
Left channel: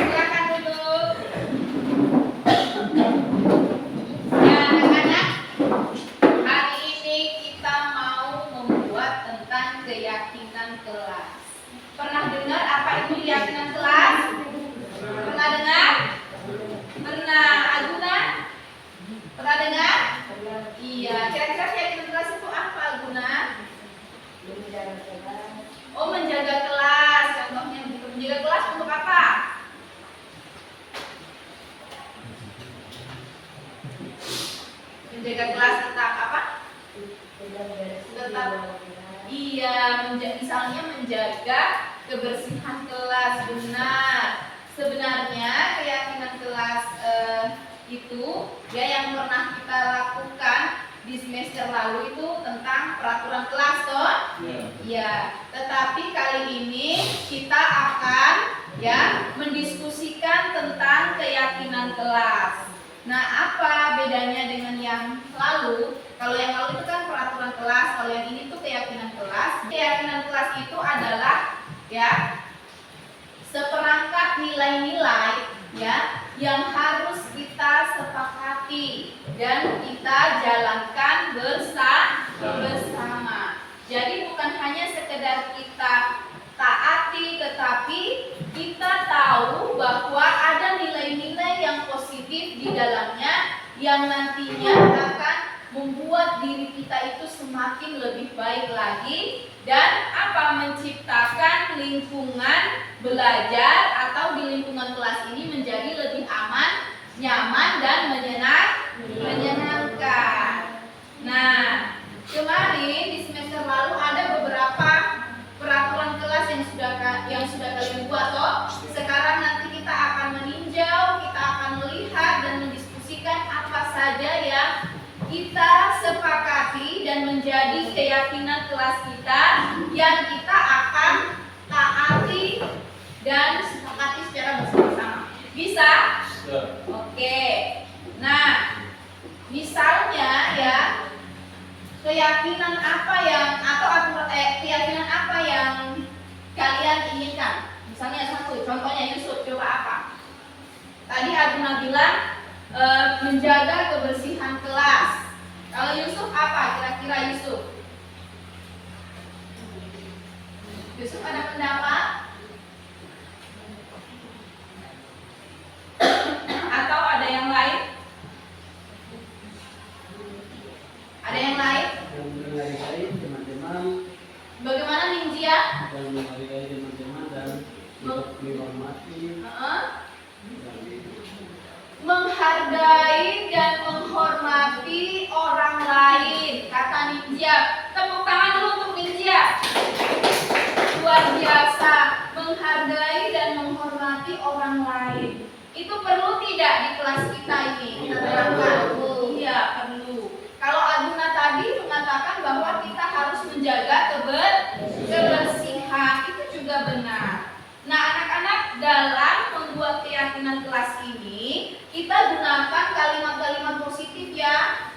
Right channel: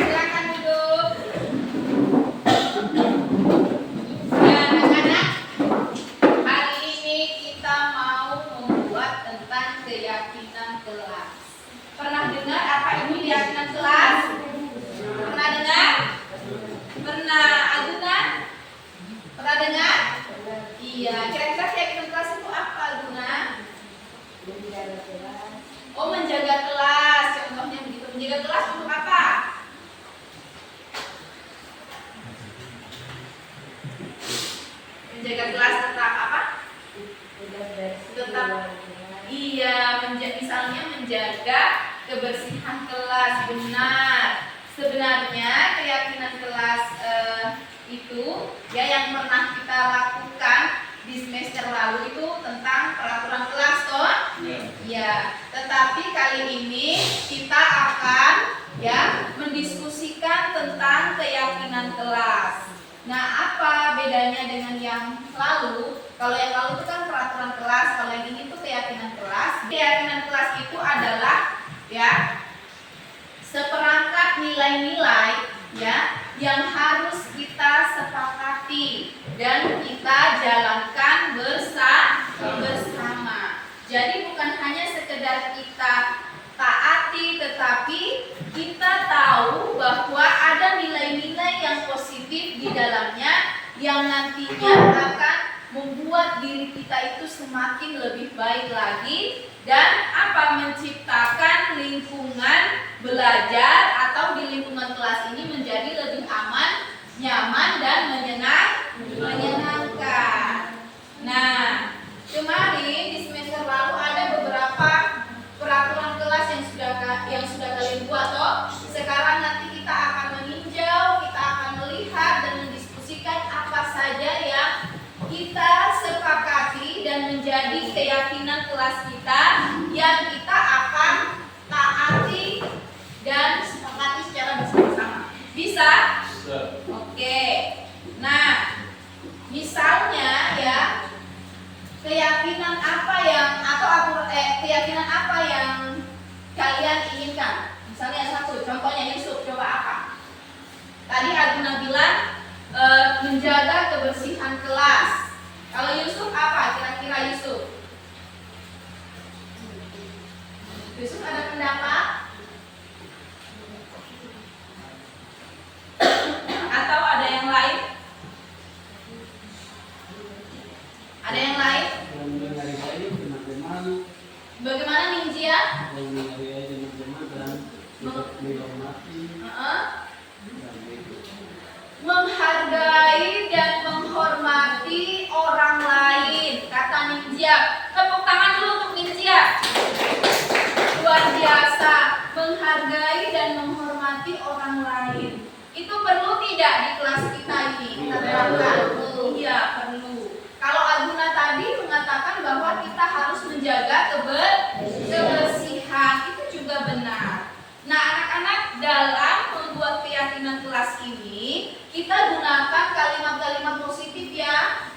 Silakan duduk. Ya, anak-anak, hari ini kita mau membuat tentang keyakinan kelas. Pernah dengar apa itu keyakinan kelas? Pernah dengar? Pernah, Aguna? Pernah dengar? Iya, kira-kira keyakinan kelas itu apa, Aguna? Oh, menjaga kelas, contohnya begitu. Menjaga kelas untuk apa? Menjaga kelas tetap apa? Tetap. Iya, misalnya menjaga kebersihan kelas, benar. Sebenarnya keyakinan kelas itu ya yang pernah kita lakukan di semester lalu itu tentang peraturan kelas toh? Ya, tetapi kali ini kita akan ya mendiskusikan tentang keyakinan kelas. Nah, apa bedanya dengan yang lalu? Kalau yang lalu itu kan peraturan kelas, kalau yang ini tuh keyakinan kelas. Keyakinan kelas itu adalah ya seperangkat nilai-nilai ya yang harus kita sepakati dan kita jalankan bersama. Jadi bukan hanya sekedar kita taati, tetapi kita tahu bahwa ada nilai-nilai yang positif di dalamnya yang nantinya akan membuat diri kita itu semakin lebih baik lagi dan menciptakan lingkungan belajar atau di lingkungan kelas ini menjadi lebih aman, nyaman dan menyenangkan. Nah, kemarin di semester lalu ada beberapa peraturan kelas yang sudah kalian buat toh. Sekarang nanti kita akan meninjau, kita akan melihat dan mendiskusikan apa saja yang kita sepakati dan menjadi keyakinan kelas kita yang kita akan taati dan sepakati secara bersama-sama. Bisa? Oke. Nah, misalnya ya keyakinan apa yang keyakinan apa yang kalian inginkan? Misalnya satu, contohnya Yusuf, coba apa? Tadi Aguna bilang menjaga kebersihan kelas. Kalau Yusuf apa? Kira-kira Yusuf? Yusuf ada pendapat? Menghargai dan menghormati orang lain, kata Ningxia. Tepuk tangan dulu untuk Ningxia. Luar biasa, menghargai dan menghormati orang lain. Itu perlu tidak di kelas kita ini? Kita terapkan. Iya, perlu. Kalau Aguna tadi mengatakan bahwa kita harus menjaga kebersihan, itu juga benar. Nah, anak-anak, dalam membuat keyakinan kelas ini, kita gunakan kalimat-kalimat positif ya.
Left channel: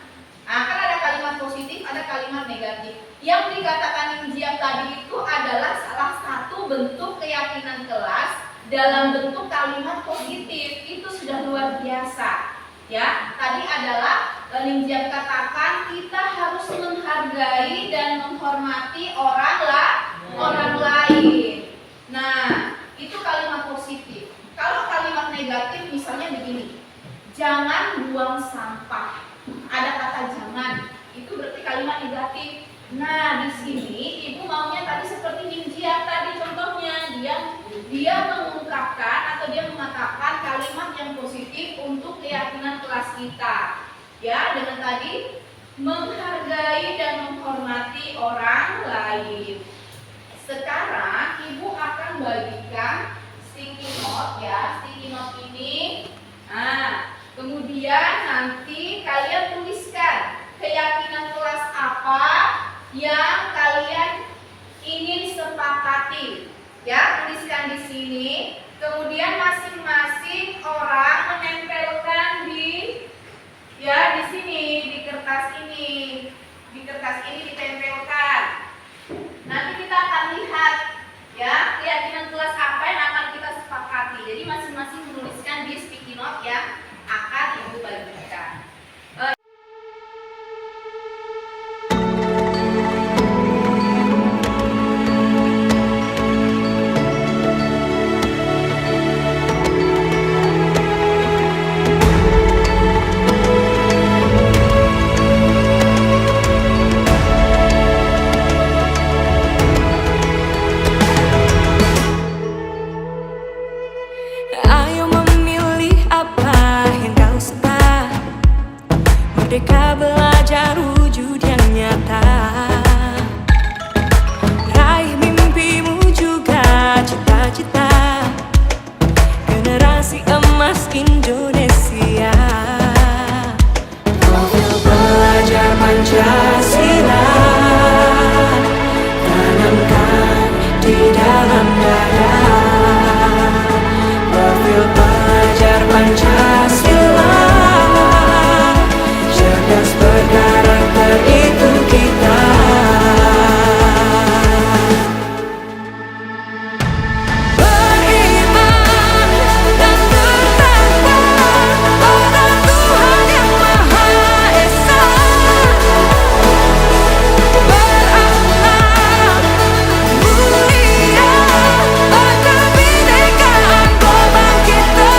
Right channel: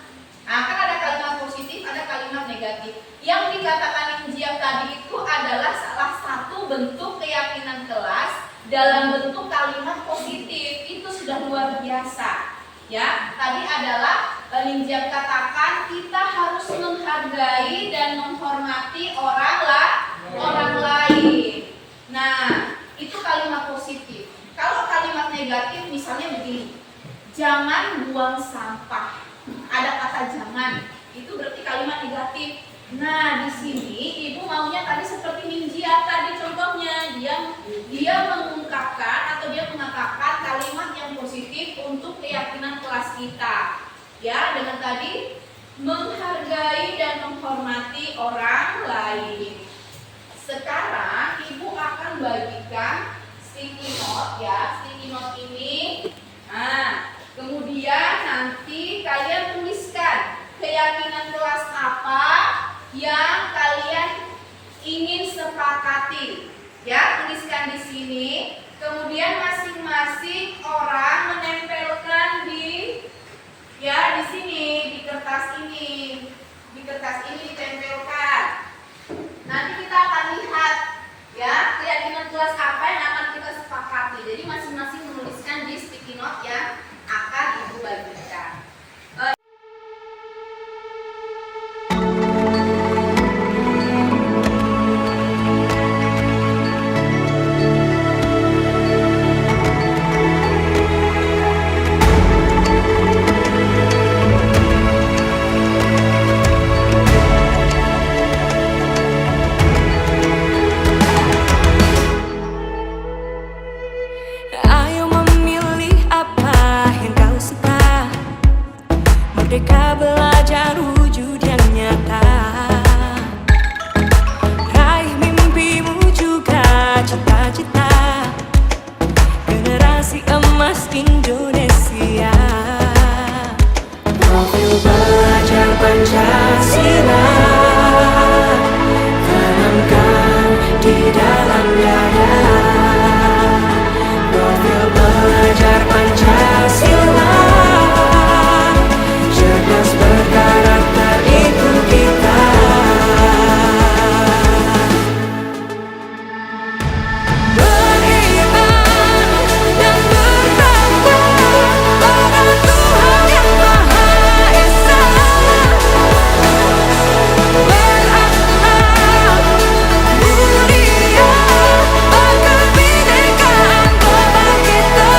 Nah, kan ada kalimat positif, ada kalimat negatif. Yang dikatakan Ningxia tadi itu adalah salah satu bentuk keyakinan kelas dalam bentuk kalimat positif. Itu sudah luar biasa. Ya, tadi adalah Ningxia katakan kita harus menghargai dan menghormati orang lain. Nah, itu kalimat positif. Kalau kalimat negatif misalnya begini, jangan buang sampah. Ada kata jangan, itu berarti kalimat negatif. Nah, di sini ibu maunya tadi seperti Ningxia tadi contohnya, dia mengungkapkan atau dia mengatakan kalimat yang positif untuk keyakinan kelas kita. Ya, dengan tadi menghargai dan menghormati orang lain. Sekarang ibu akan bagikan sticky note ya, sticky note ini. Nah, kemudian nanti kalian tuliskan keyakinan kelas apa yang kalian ingin sepakati. Ya, tuliskan di sini. Kemudian masing-masing orang menempelkan di sini, di kertas ini. Di kertas ini ditempelkan. Nanti kita akan lihat ya keyakinan kelas apa yang akan kita sepakati. Jadi masing-masing menuliskan di sticky note yang akan ibu bagikan. Merdeka belajar wujud yang nyata. Raih mimpimu juga cita-cita. Generasi emas Indonesia. Profil pelajar Pancasila tanamkan di dalam dada. Profil pelajar Pancasila cerdas berkarakter itu kita. Beriman dan bertakwa pada Tuhan yang Maha Esa. Berakhlak mulia, berkebinekaan global kita.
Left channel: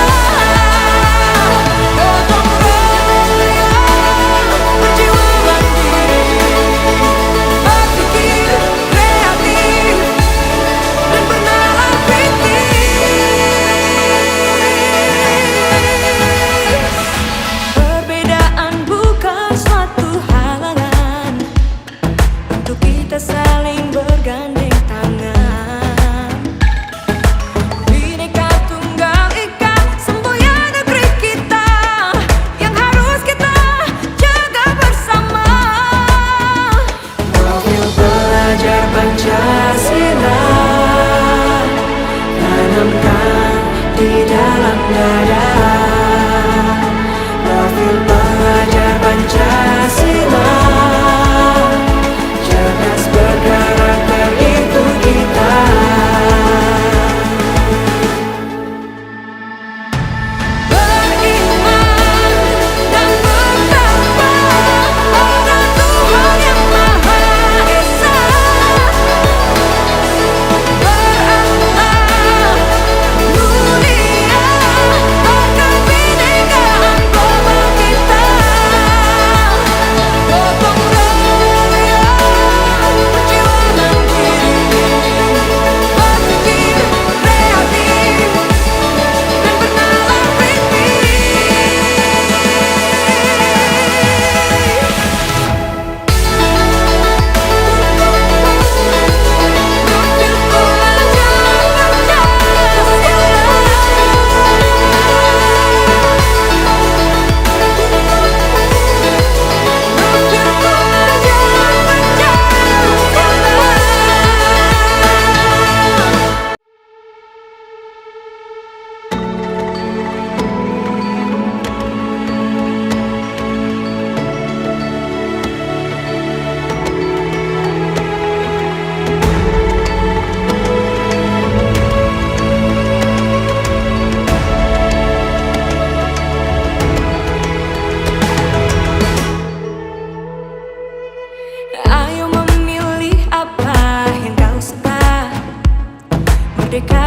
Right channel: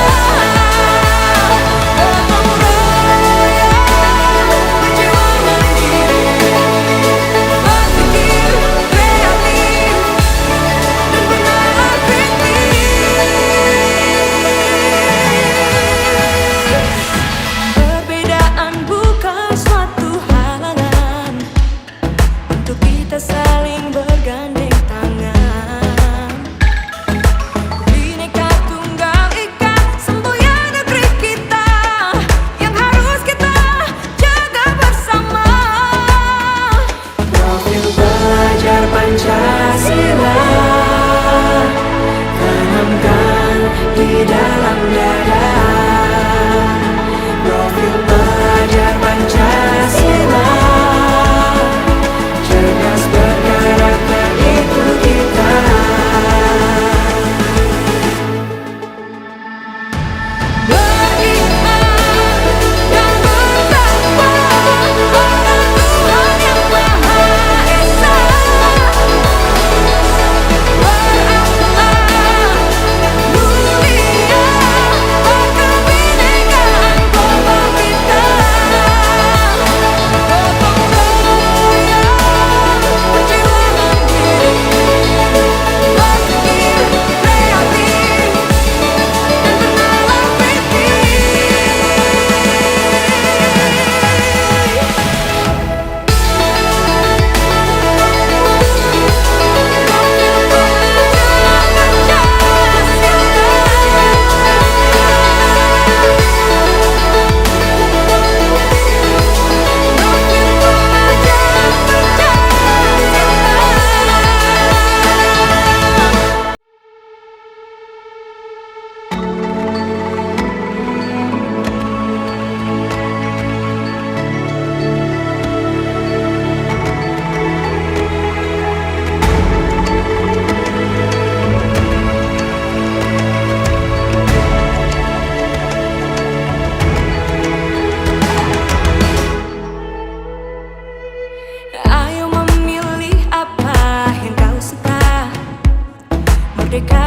Gotong royong, berjiwa mandiri, berpikir kreatif dan bernalar kritis. Perbedaan bukan suatu halangan untuk kita saling bergandeng tangan. Bhinneka Tunggal Ika, semboyan negeri kita yang harus kita jaga bersama. Profil pelajar Pancasila tanamkan di dalam dada. Profil pelajar Pancasila cerdas berkarakter itu kita. Beriman dan bertakwa pada Tuhan yang Maha Esa. Berakhlak mulia, berkebinekaan global kita.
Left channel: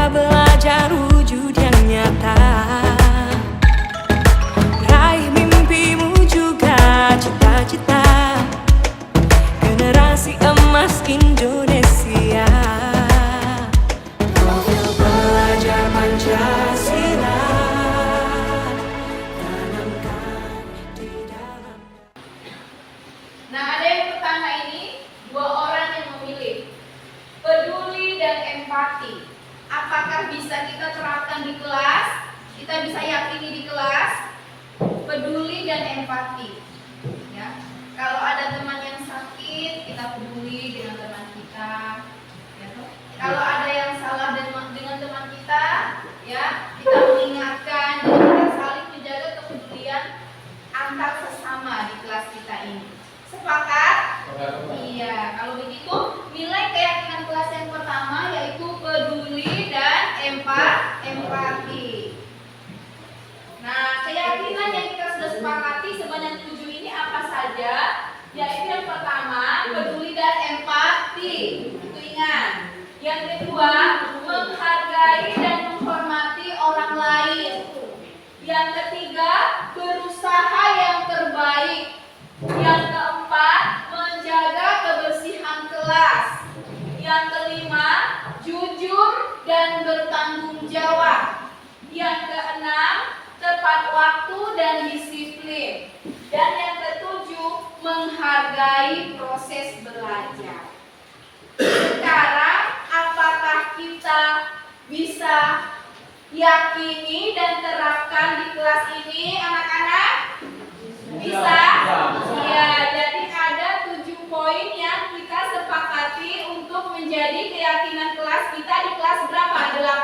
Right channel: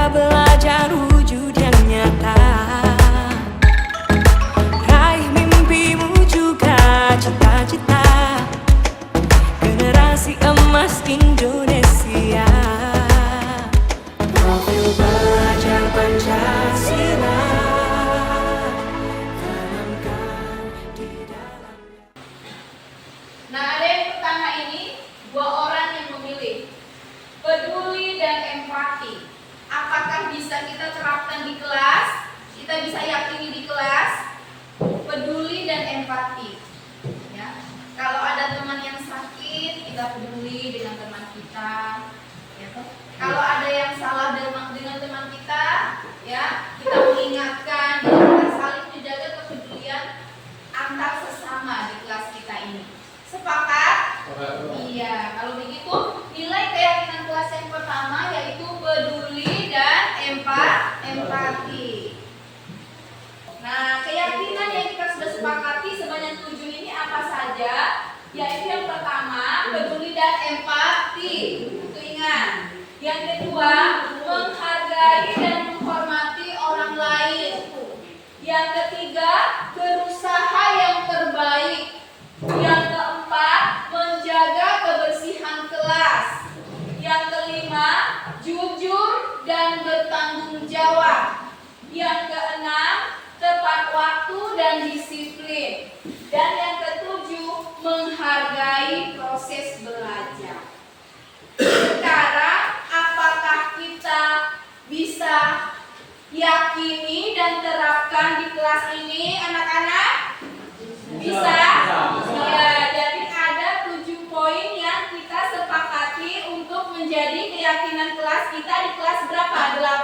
Kita belajar wujud yang nyata, raih mimpimu juga cita-cita, generasi emas Indonesia. Profil pelajar Pancasila, tanamkan di dalam. Nah, ada yang pertama ini, 2 orang yang memilih peduli dan empati. Apakah bisa kita terapkan di kelas? Kita bisa yakini di kelas? Peduli dan empati. Ya. Kalau ada teman yang sakit, kita peduli dengan teman kita. Ya, toh? Kalau ada yang salah dengan teman kita, ya, kita mengingatkan, dan kita saling menjaga kepedulian antar sesama di kelas kita ini. Sepakat? Iya. Kalau begitu, nilai keyakinan kelas yang pertama yaitu peduli dan empati. Nah, keyakinan yang kita sudah sepakati sebanyak 7 ini apa saja? Yaitu yang pertama, peduli dan empati. Itu ingat. Yang kedua, menghargai dan menghormati orang lain. Yang ketiga, berusaha yang terbaik. Yang keempat, menjaga kebersihan kelas. Yang kelima, jujur dan bertanggung jawab. Yang keenam, tepat waktu dan disiplin. Dan yang ketujuh, menghargai proses belajar. Sekarang, apakah kita bisa yakini dan terapkan di kelas ini, anak-anak? Bisa? Iya, jadi ada 7 poin yang kita sepakati untuk menjadi keyakinan kelas kita di kelas berapa? 8.